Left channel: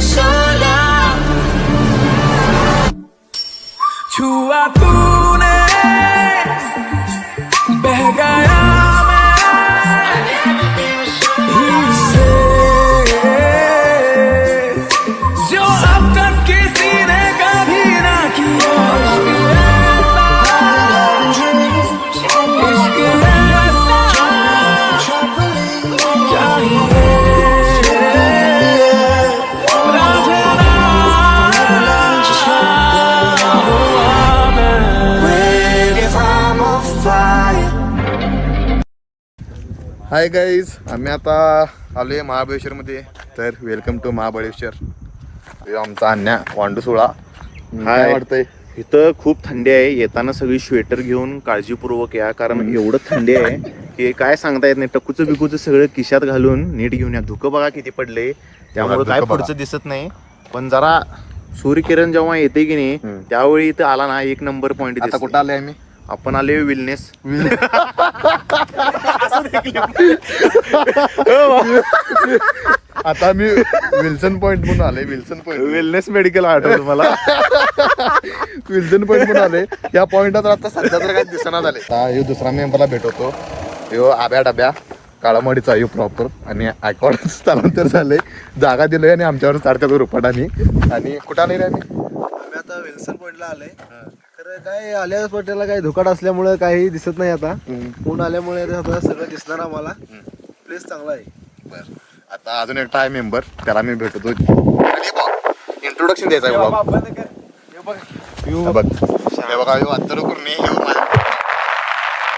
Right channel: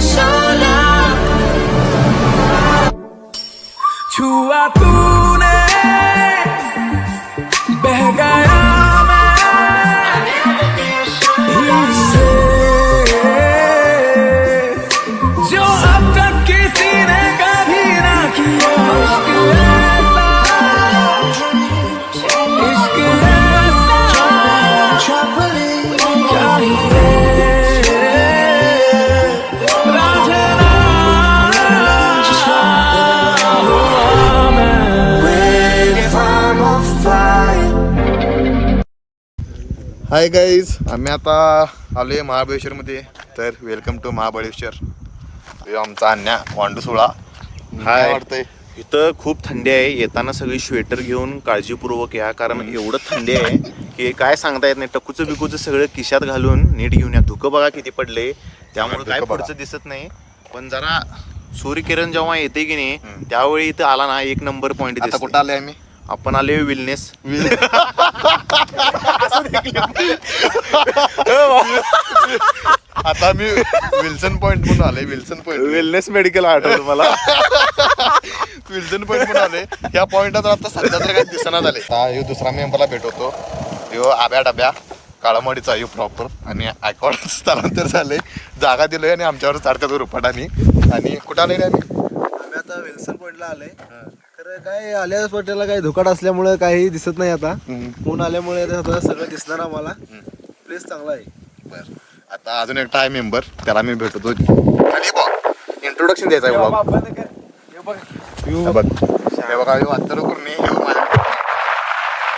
sola. छुआ तूने बह गया मैं से जो अब तक किसी ने कभी ना किया. इश्क ऐसा चाहिए हाय गाईज, आम्ही आता आलो आहे महाबळेश्वरमध्ये. तर वेलकम टू महाबळेश्वर. आमचा अन्या वांडूसोळा. काय वाटतंय? इथं खूप थंडी आहे. येताना सगळी स्वेटर घेऊन काळजीपूर्वक या, कारण एवढं थंडी आहे की काय सांगता येत नाही. टकूचं बिकूचं सगळं खिशात घालून नीट घेऊन या. धुकं बघा किती पडले, त्यामुळे काय पुढचं दिसत नाही. पण जरा सूर्यकिरण जेव्हा येते की नाही त्यावेळी इथं आला ना एक नंबर पॉईंट. आता कुठं आलोय आम्ही? आपण आले विलनेस. आता मी विल्सन पॉइंट म्हणून आले. विल्सन पॉइंट वेलनेस मेडिकल आठवलं मला. विल्सन पॉइंट म्हणून आले. या पॉइंटला आता सध्या तर काही दिसना झाले. हे दुसरा मेंबरला भेटवतो. ह्यो आब्या डब्या काळामडीचा आहे प्रॉपर. आणि आयकॉड स्थलांतर झाले, जागा दिलोय आणि आमच्यावर चारत्या रुपाटाने. आणि कुठं आले आम्ही आता विल्सन पॉइंटला आलोय. तर काय आल्यास पॉइंटला काही धुकाट असल्यामुळे काही दिसत नाही. आता ऊन आल्यामुळे आता सगळं दिसणार आम्हाला. प्लेस चांगला आहे. बरं, आता अजून एकटा आहे मेंबर, त्याला मी भेटतो. इंट्रोडक्शन द्यायचं आहे बघा. अंतर करून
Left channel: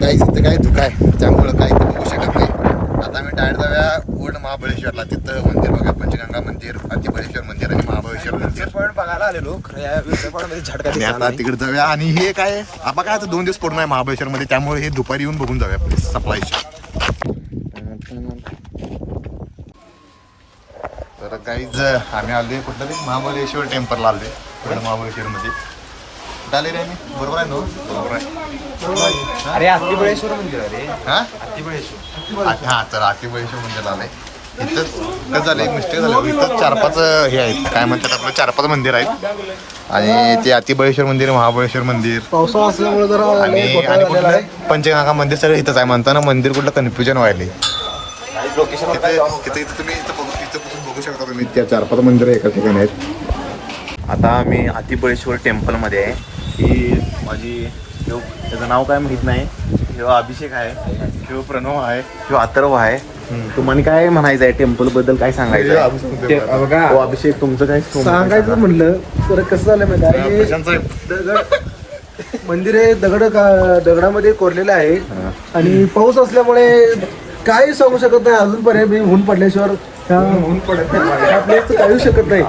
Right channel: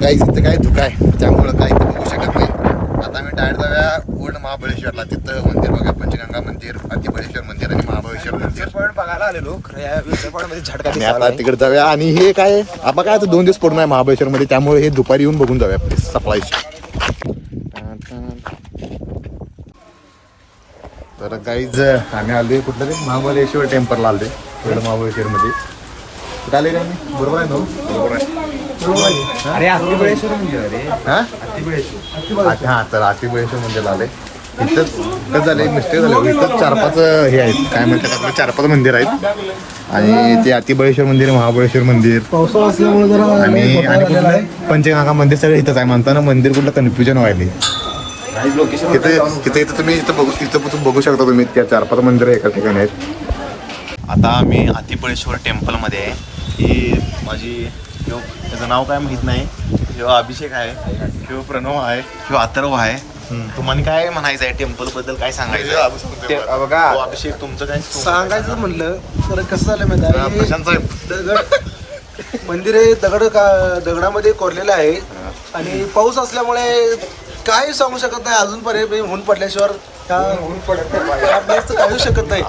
काही इथं काही धुका आहे, त्यामुळं काही बघू शकत नाही. आता मी डायरेक्ट जाऊया ओल्ड महाबळेश्वरला. तिथं मंदिर बघा, पंचगंगा मंदिर, अतिबळेश्वर मंदिर आणि महाबळेश्वर मंदिर. पॉइंट बघायला आलेलो. आणि आता तिकडे जाऊया. आणि हे काय आपण काय आता 2 दिवस पडून आहे महाबळेश्वर मध्ये, त्यामुळे हे दुपारी येऊन बघून जाऊया प्लीज सप्लायची. तर काहीच आम्ही आले कुठलं रे महाबळेश्वर टेम्पलला आले. ओल्ड महाबळेश्वर मध्ये कुठं आले रे आम्ही? बरोबर आहे ना? बरोबर आहे. हा तर अतिबळेश्वर मंदिरला आले. इथंच कसं झालं, मिस्टेक झालं. इथंच 4-5 हे आहेत, काय म्हणतात आपलं 4-5 मंदिर आहेत. आणि ते अतिबळेश्वर मंदिर, महाबळेश्वर मंदिर, पावसाळा असल्यामुळे जरा आणि कुठलं आहे पंचगंगा मंदिर, सगळं इथंच आहे. म्हणताना मंदिर कुठलं कन्फ्युजन व्हायला. तिथे तुम्ही इथं बघू शकता तुम्ही. त्या 4-5 मंदिर एका ठिकाणी आहेत. आता आम्ही अतिबळेश्वर टेम्पलमध्ये आहे. ही माझी त्याचं नाव काय माहित नाही. किंवा अभिषेक आहे, किंवा प्रणव आहे, किंवा अथर्व आहे. तुम्हाला काय म्हणायचं आहे टेम्पल बद्दल, काय सांगायचं आहे? बघा, अभिषेक तुमचं काय सांगायचं म्हणलं तर कसं झालं माहिती आहे, दगड मंदिर हे दगडामध्ये कोरलेलं आहे. आणि पाऊस असल्यामुळे काही सांगू शकत नाही अजूनपर्यंत. मी ऊन पडल्याशिवाय ह्या प्लेसचं काही येऊ शकत नाही.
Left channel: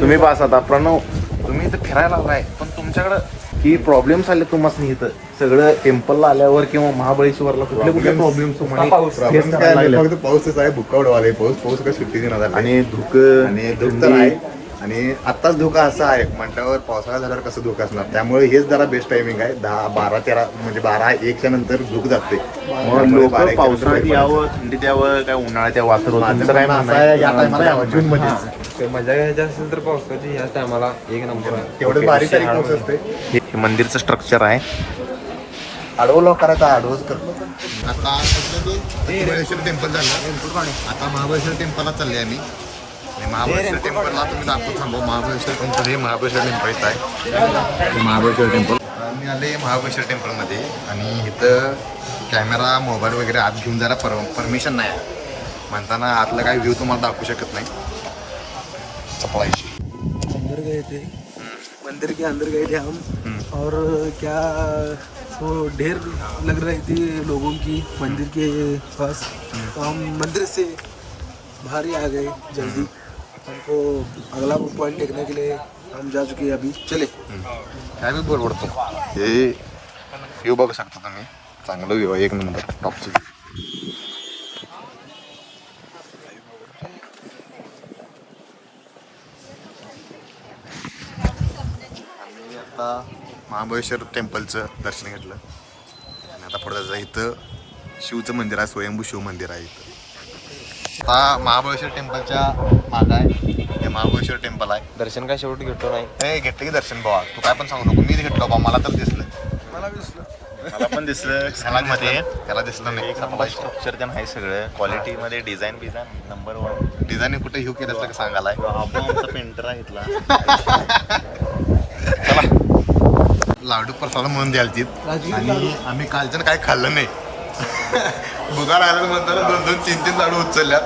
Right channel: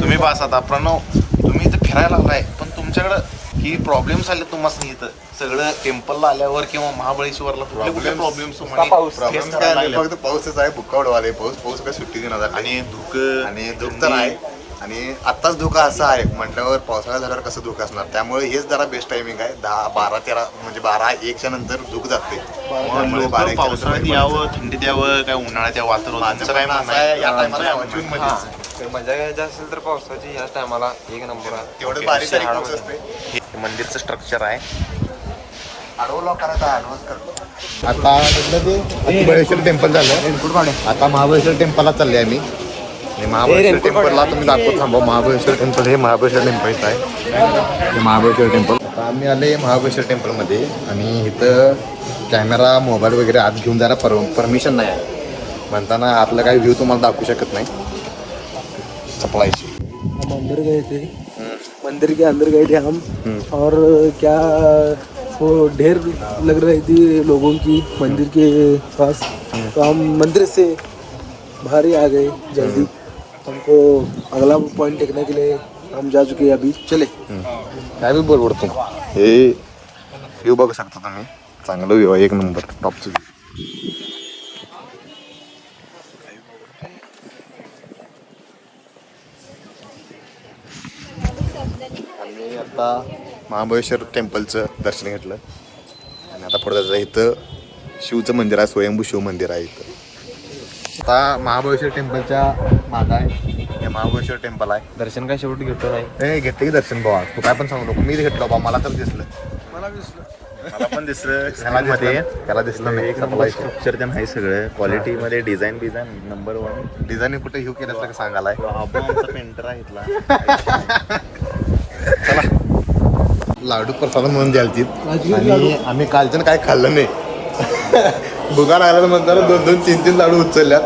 तुम्ही पास आता प्रणव, तुम्ही इथं फिरायला आलाय, पण तुमच्याकडं ही प्रॉब्लेम्स आले तुम्हाला इथं सगळं टेम्पलला आल्यावर किंवा महाबळेश्वरला कुठले प्रॉब्लेम्स फेस करायला लागले? फक्त पाऊसच आहे, बुक्कावड आले. पाऊस काय सुट्टी देणार आणि धुकं आणि धूक तर आहे. आणि आत्ताच धोका असा आहे म्हटल्यावर पावसाळा झाल्यावर कसं धोका असणार. त्यामुळे हेच जरा बेस्ट टायमिंग आहे. 10-12-13 म्हणजे 12-1च्या नंतर धूक जाते. मग लोक पावसाळ्यात यावं, थंडीत यावं, काय उन्हाळ्यात यावं वातर होतं. तुमचं काय म्हणणं आहे? या टायमाला यावं जून मध्ये. मजा घ्यायची असेल तर पावसाची ह्याच टायमाला एक नंबर. तेवढं बारीक सारीक पाऊस असते. हे मंदिरचं स्ट्रक्चर आहे. आडवं लोक करायचं, आडवंच करतो. आता कुठलं ते अतिबळेश्वर टेम्पल झालं. आता महाबळेश्वर टेम्पलला चालले आम्ही. आणि महाबळेश्वर टेम्पलला तुम्ही दाखवत थांबा. महाबळेश्वर टेम्पल हे महाबळेश्वर टेम्पल इथं आहे. हे महाबळेश्वर टेम्पल. आता आम्ही आले महाबळेश्वर टेम्पलमध्ये. आणि इथं कॅमेरा मोबाईल वगैरे आत घेऊन जायला परमिशन नाही आहे. म्हणताना आतलं काही व्ह्यू तुम्हाला दाखवू शकत नाही. सप्लायची मंदिर गए थे, मंदिर के अंदर गए थे हम. और क्या वो ढेर लग रही थी लोगों की मंदिर के पास. तो हम मंदिर से बाहर ही आ गए जल्दी. हमको अगला पॉइंट देखने के लिए हम जा चुके हैं अभी. चले काय बी बोल उडतो. हे व्ह्यू बघू शकता तुम्ही. चांगलं व्ह्यू आहे, एक नंबर टॉपचं व्ह्यू. आम्ही आता महाबळेश्वर टेम्पलचं दर्शन घेतलं. आणि आता पुढे जायचं, इथं शिवचं मंदिर आहे, स्वयंभू शिव मंदिर आहे इथं. आता महाबळेश्वर टेम्पलच्या माग आहे, हे महाबळेश्वर टेम्पल आहे. दर्शन काय शेवटी घेतो नाही. हे घेतलं की दर्शन बाबा, तू काय पण सांगू नको, मी घेतलं बाबा, मला तर दिसलं. मला दिसलं. मला पण दिसलं त्याला दिसलं नाही. स्ट्रक्चर ते आहे सगळं क्वालिटी मध्ये, डिझाईन नंबर 1. डिझाईन कुठे हिऊ केलं तर सांगायला पेंटर घेतला. लाडू प्रसाद म्हणून द्यालती आणि आम्ही कालच्यानं काय खाल्लं नाही. भुगा लागला म्हणताना 2-2, 3-3 लाडू उचलल्यात.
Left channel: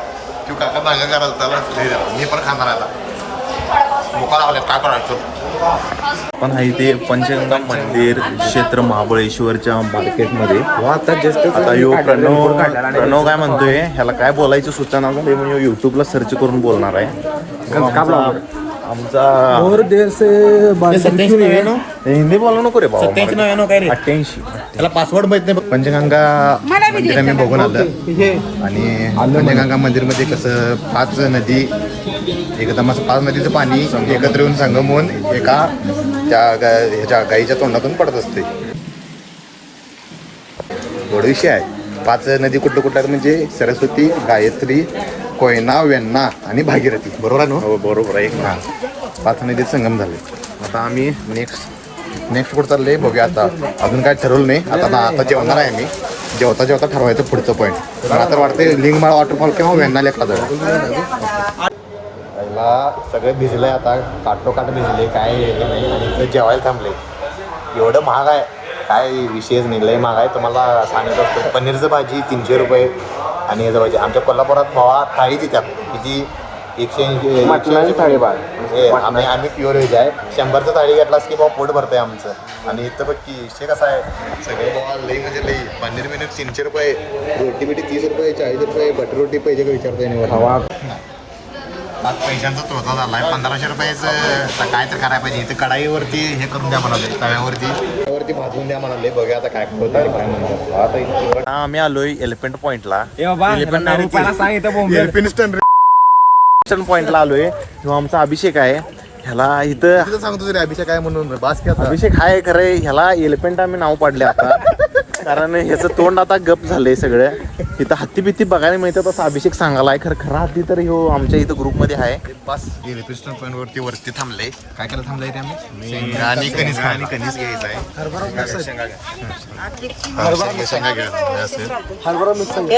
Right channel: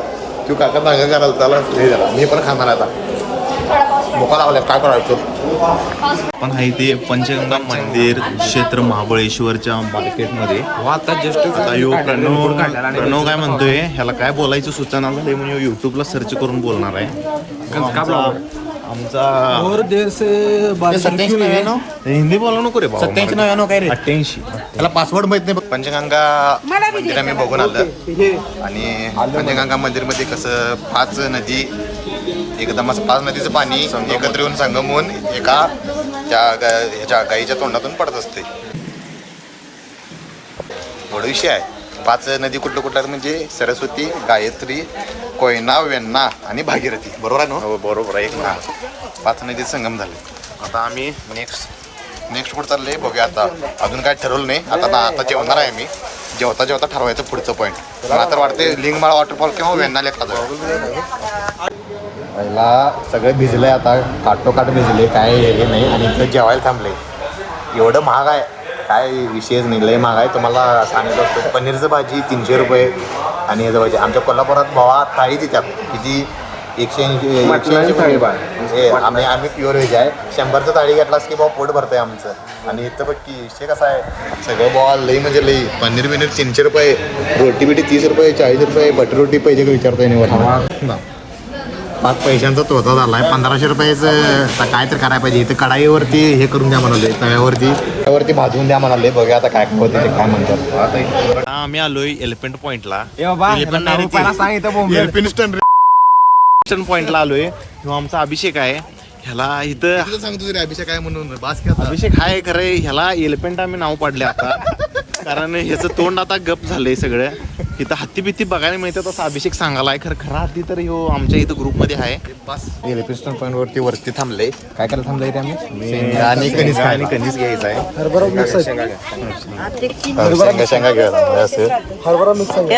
तू काका सांगा करायला त्याला हे झाला, मी पण खाणार आहे आता. भुका लागल्या काय करायचं. पण आहे ते पंचगंगा मंदिर क्षेत्र महाबळेश्वरच्या मार्केटमध्ये. आता जस्ट आता यो प्रणव काय म्हणतोय, ह्याला काय बोलायचं सूचना झाली म्हणून युट्यूबला सर्च करून बोलणार आहे. आमचा और देर से हिंदी बोला नको रे बाबा. 88 त्याला पासवर्ड माहित नाही. पंचगंगा मंदिर आम्ही बघून आलं आणि पंचगंगा मंदिरमध्ये कसं 5 नदी एकदम असं 5 नदीचं पाणी एकत्र येऊन संगम होऊन एका त्या ह्याच्या गाईच्या तोंडातून पडत असते. एवढा विषय आहे. 5 नदी कुठल्या म्हणजे सरस्वती, गायत्री, कोयना, वेण्णा आणि भागीरथी. बरोबर आहे ना? हो बरोबर आहे. 5 नदीचे संगम झाले. आता आम्ही नेक्स्ट कुठं चाललंय बघूया. आता अजून काय ठरवलं नाही. आता जेवणार आहे आम्ही. जेवता ठरवायचं पुढचं पॉईंट. मला तर वाटते लिंगमाळ वॉटरफॉल किंवा वेण्णाला एखादं. पहिला सगळं भिजलंय, आता काटोकाट भिजले, काय हे नाही. आणि इथं जेवायला थांबले. एवढं महाग आहे काय विषयच नाही, लय महाग आहे. तुम्हाला सांगत असतो पनीरचं भाजी 300 रुपये आणि ह्याचं भाजी. आमच्या कोल्हापुरात भावा थाळी देतात किती 180 आम्ही प्युअर व्हेज आहे. 100चं थाळी घेतलास की बाबा पोट भरतंय आमचं. आणि इथं बघ की विषय कसा आहे, सगळं बाबा लई म्हणजे लई. पनीर 300 रुपये, रोटी बिटी 30 रुपये, 40 रुपये, बटर रोटी पाहिजे का विचारतोय नाही. 5 पैशांचा तोता झाला आहे. 1500 रुपयाचं काय तर करायला पाहिजे. इथं कढाईवरती हे करून द्या म्हणाले, तव्यावरती भाजवून द्या म्हणाले. बघूया आता काय होते ते काय म्हणतात. आम्ही आलोय एलिफंट पॉइंटला. पॉइंटला आलोय. किंवा आमचा अभिषेक आहे. ह्याला इथं सांगतो तरी अभिषेक काय म्हणून बास की आता. अभिषेक हाय खरं, ह्याला एलिफंट आम्ही नाव पाडले आता. कारण ह्याचं तोंड आता गप झालंय सगळं. इथं हत्ती बित्ती बघायला मिळतात असं अभिषेक सांगायला. खरा हत्ती तर ह्यो आमच्या इथं ग्रुपमध्ये आहे. बस एलिफंट पॉईंट वरती थांबले. काय करायला थांबलंय ते आम्ही आणि कणीस घ्यायचा आहे. हरभरा मिक्स आहे. शेंगा घ्यायला असेल. हरभरा मिक्स आहे.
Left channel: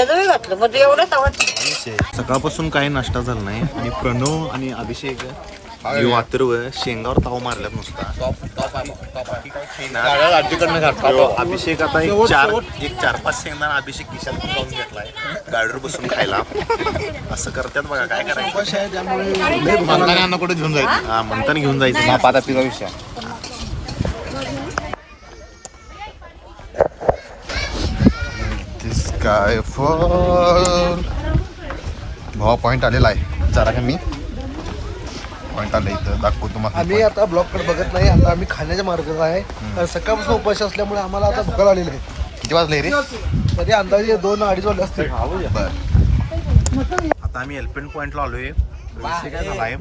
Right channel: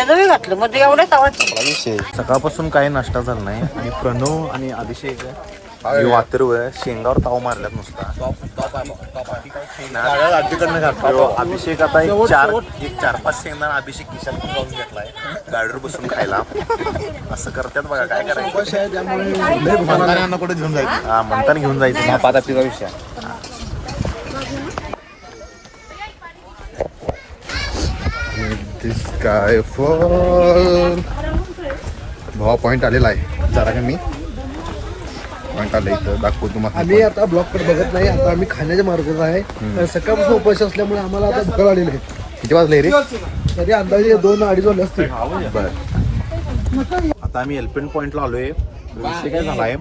सकाळपासून काही नाश्ता झाला नाही. आणि प्रणव आणि अभिषेक वातरव शेंगावर ताव मारल्यात नुसता. अभिषेक आता एक 4-5 शेंगदाणा अभिषेक किशात जाऊन घेतलाय गाडीवर बसून खायला. असं करतात बघा, काय करायचं. कुठे घेऊन जायचं. हा म्हणताना घेऊन जायचं. पाता पिका विषय दिस काय फॉल भावा पॉईंट आलेला आहे. जरा का मी पॉईंट आलं इथं दाखवतो तुम्हाला. आम्ही आता ब्लॉक कडे बघत नाही. आता आम्ही खाण्याच्या मार्गात आहे. कारण सकाळपासून उपास असल्यामुळे आम्हाला आता भुका लागलेली आहे. किती वाजले रे? तरी अंदाजे 2-2.5 वाजले असतील. बर आता आम्ही एलिफंट पॉइंटला आलोय. विषय काय झालाय,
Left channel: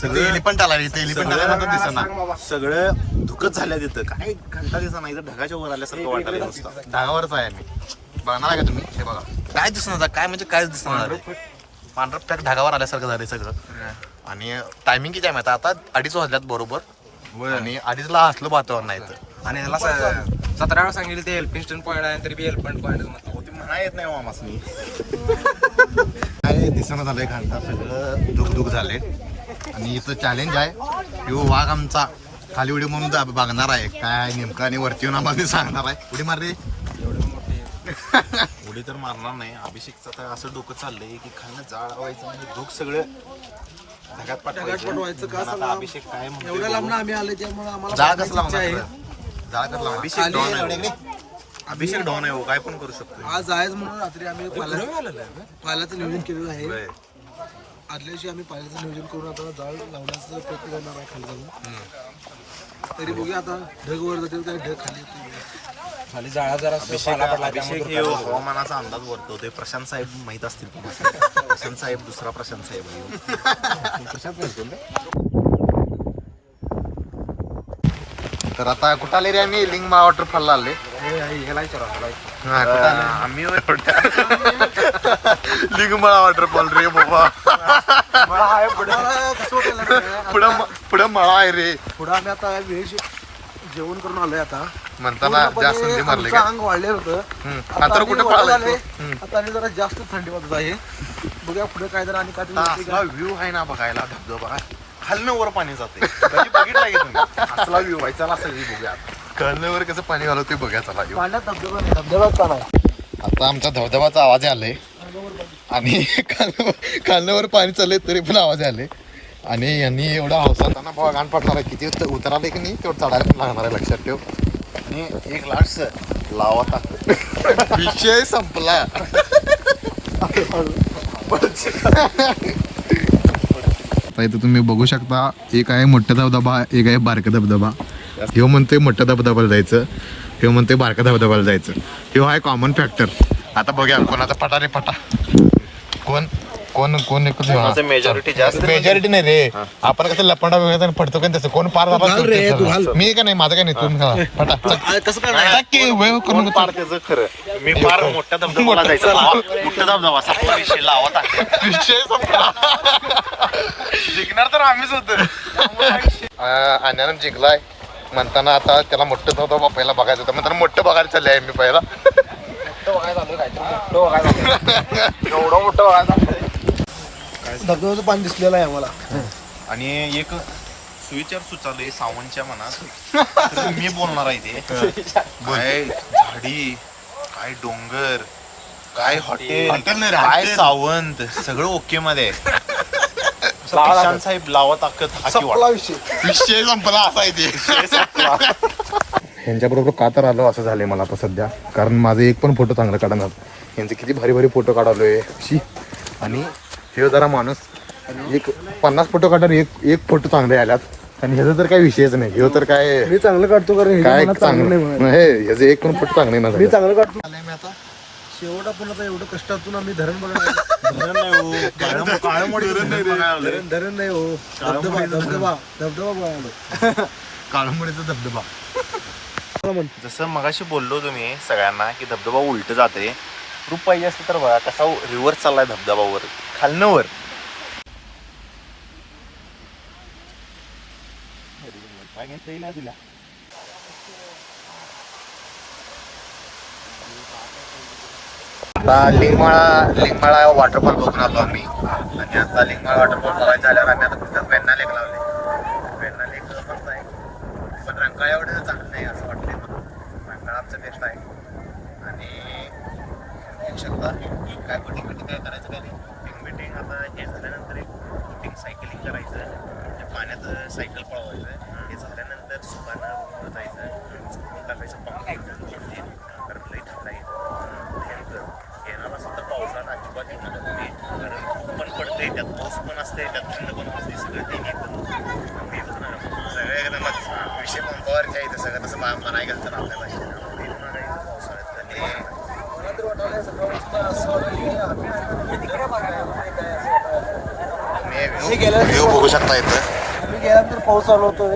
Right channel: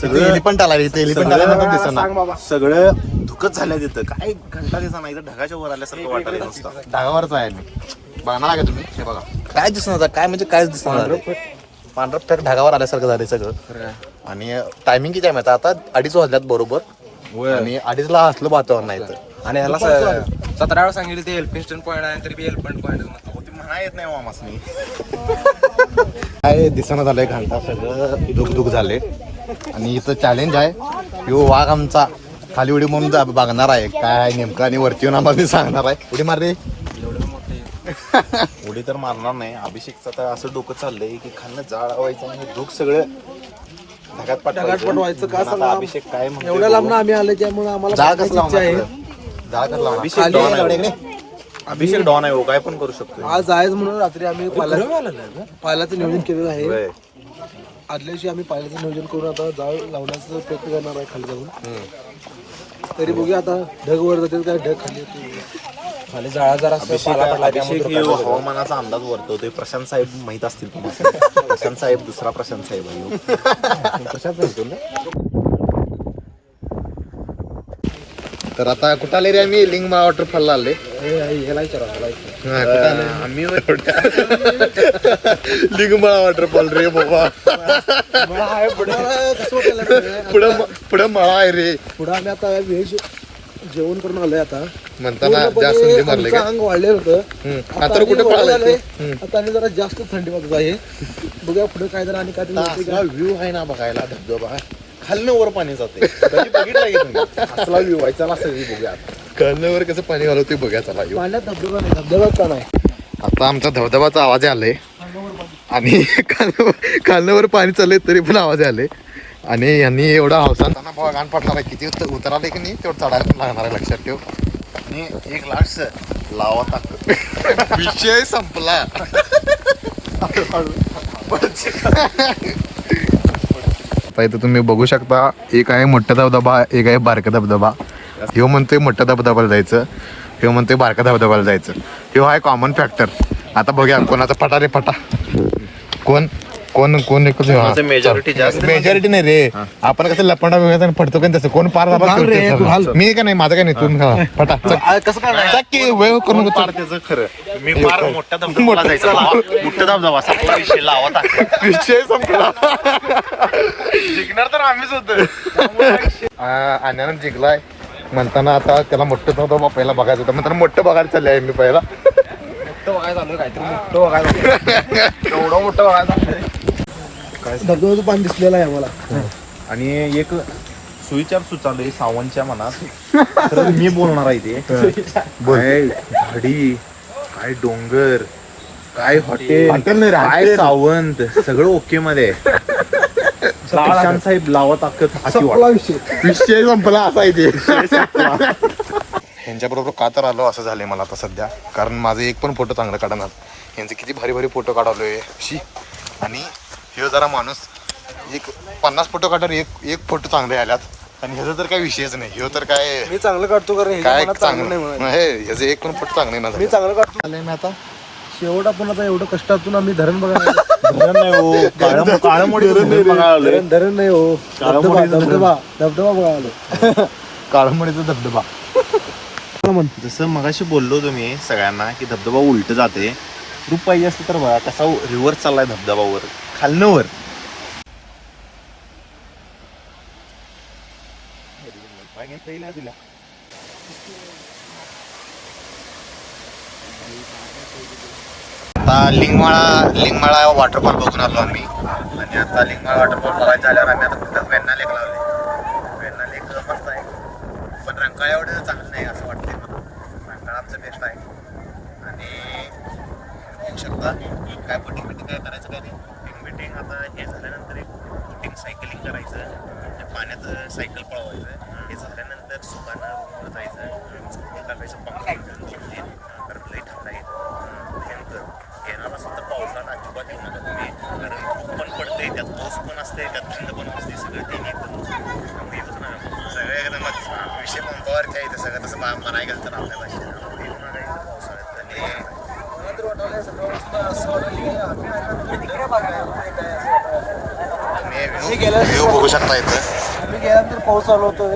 सगळं एलिफंट आला इथे. एलिफंट आल्यानंतर दिसणार सगळं धुकच झाल्या तिथं. काय घंटा दिसा नाही, ढगाच्या वर आल्यासारखं वाटायला नुसतं. ढगावरच आहे मी. बघणार का तुम्ही? हे बघा काय दिसणार, काय म्हणजे कायच दिसणार. पांढरं फॅक ढगावर आल्यासारखं झालंय सगळं. आणि टायमिंग किती आहे माहिती आता 2:30 वाजल्यात बरोबर. आणि 2:30ला असलं वातावरण नाही तर. आणि ह्याला 17 वेळा सांगितलं ते एलिफंट पॉईंट आहे तरी बी एलिफंट पॉईंट म्हणा येत नाही मामासनी. काय दिसणं झालंय घंटा सगळं धुक झाले. आणि इथं चॅलेंज आहे. यो वाघ आमचा खाली उडी म्हणून बघणार आहे काय नेमकं आणि वरती येऊन आम्हाला सांगणार आहे. उडी मार रे. उडी तर मारणार नाही. अभिषेकचं तर असं डोकं चाललंय की खाणं जाळ व्हायचं आणि धूक सगळं ढगात पाठवायचं का सांगा. अभिषेक काय म्हणतोय एवढ्या लांब आम्ही आले त्यामुळे आम्हाला जाळ बघायची कसला इच्छा आहे. जाळ कसला अभिषेक डॉन आहे. अभिषेक डॉन आहे, काय पण करू शकतो. आज जायचं म्हणून रात्री आम्ही पायलाचं नियोजन केलेलं आहे. आदल्या दिवशी आम्ही पायलाचं नियोजन करून आता जाळ लावण्याचा प्रयत्न करणार आहे खाली जाऊन. तरी बघूया आता ढग वर जातील काय ढग खाली खाली जाळा जरा. अभिषेक हे हवामानाचा अंदाज वर्तवतोय. प्रशांत साहेब माहित असतील तुम्हाला. प्रशांत साहेब दुसरा प्रशांत साहेब आहे. प्रशांत म्हणतो ना. तर आता कुठं आले रे आम्ही लिंगमाळा वॉटरफॉलला आले हा, कुठं आलो? आम्ही लिंगमाळा वॉटरफॉल रे बाबा पुढं मळा आहे रे पुढे आम्ही आता व्हेज जेवण करून आलोय आता म्हणताना पूर्णपणे जास्त थंडी मारली आमचं का अंग वाढलेलं होतं आता आम्ही कुठे वरती पळाला आले. आता आणि जरा जास्त थंडी वाजत आहे बघूया पुढे काय जरा आणि काय ते माहिती असला का? व्ह्यू आहे ना बघायला धबधबा खालनं वर पाणी जाते कधी बघितला की तुम्ही असला व्ह्यू आहे चला सगळी बघूया आता. कळण्यावर कसं पाणी घालवते बघा चला ह्यो. पाण्यात धबधबा नाही धबधबाच पण आहे आता आमचा धबधबाचा आवाज आलाय आणि खालण्यावर पाणी चाललंय तरी पण आवाज आले आणि यांनी एवढा हौसाना भावा गाण पडणार आहे किती उतराले की नाही तेवढं चढायला पण लागणार आहे लक्षात ठेव आणि एक लास्ट लावा ताकद विषय संपला आता इथं तुम्ही बघू शकता एक आहे मोठा धबधबा एक आहे बारका धबधबा ह्यो म्हणतोय मोठ्या धबधब्याला जायचं ह्यो म्हणतोय बारका धबधब्याला जायचं ह्यो आहे कॉमन फॅक्टर आता बघूया कोणाचा पटा रे पटा कोण कोण कोण मेजॉरिटी जास्त मेजॉरिटी नाही रे आपण कसं लपंडा वगैरे पडतो का तसं कोण पार बाबा मी का नाही माझं काय नाही तू फटा कसं काय वेळ करू नको त्याचं खरं मी फार मोठ्या धबधबाला जायचं मोठा धबधबा संपला विषय लावा ताकद विषय संपला जिंकणार तर आम्हीच होतो आनंद जिंकलाय म्हणताना आता त्याला मोठं धबधबा पहिला बघायचं होतं म्हणताना मोठं बघायला चाललंय आहे मी पहिला धबधब्याचं पाणी दिसलेलं आहे आम्हाला आणि एक सुविचार सुचालय सावंतच्या मनात तर मी बोलणार आहे ते काय झाडी काय डोंगर काय हॉटेल काय सावंत सगळं ओके मध्ये किसान साहेब लावा ताकद हाती संपला विषय विषय संपला असा आहे ते यांच्याबरोबर का तर आलो असं झालंय मला आता सध्या कारण माझे एक पण फोटो चांगला काढणार यांचे किती भारी भारी फोटो काढवलोय आणि हे जरा माणूस एक 50 फोटो काढणार एक फोटो चांगले आल्यात आणि ह्याचा तर काय विषयच नाही ह्यो तर काय मी चांगलं काढतो कारण ह्याच्या काय मनात चांगलं नाही चांगलं म्हणून. हे ह्याचं एक पण फोटो चांगले ना मी चांगलं काढतो आलंय मी आता शेवट आपण आता एवढं कष्टातून आम्ही धरण बघायला धरण नाही हो काळमोडी धरण नाही हो धबधबा धबधबा धबधबा बघायला काळंबडीचा धबधबा जसं मगाशी बोललो तुम्ही सगळ्यांना की धबधबा उलट जाते रूप पाहिजे असलं तर बघा कसा रिव्हर्स चाललाय धबधबावर खालनं वर आता लिंगमाळा वॉटरफॉल बघून आलो आम्ही आणि आता लिंगमाळा वॉटरफॉल बघायचं आल्यावर आम्ही आता कुठं वेण्णा लेक लावले वेण्णा लेक मस्त आहे पण रंकाळा एवढं चांगलं नाही असं वाटतं रंकाळा आमचं बेस्ट आहे आणि एक शकता काय पण काय करायचं काय नाही आता हे झाल्यानंतर एक सायकलिंग करायचं पाण्यात सायकल पळवायचं हे झाल्यानंतर सुपानं जायचं पकडायचं नंतर प्लेट सोडायचं गेला नसेल तर पावसानं अजिबात पण पडते त्यात पाऊस पण असते त्यात थंड पण असते सगळं एकदमच विषय पंपावरच्या इथं सगळं तसं म्हणाय गेलं तर आपल्या गेल्या बघू शकता इथं आम्ही गेल्यानंतर पाऊस चालू होतो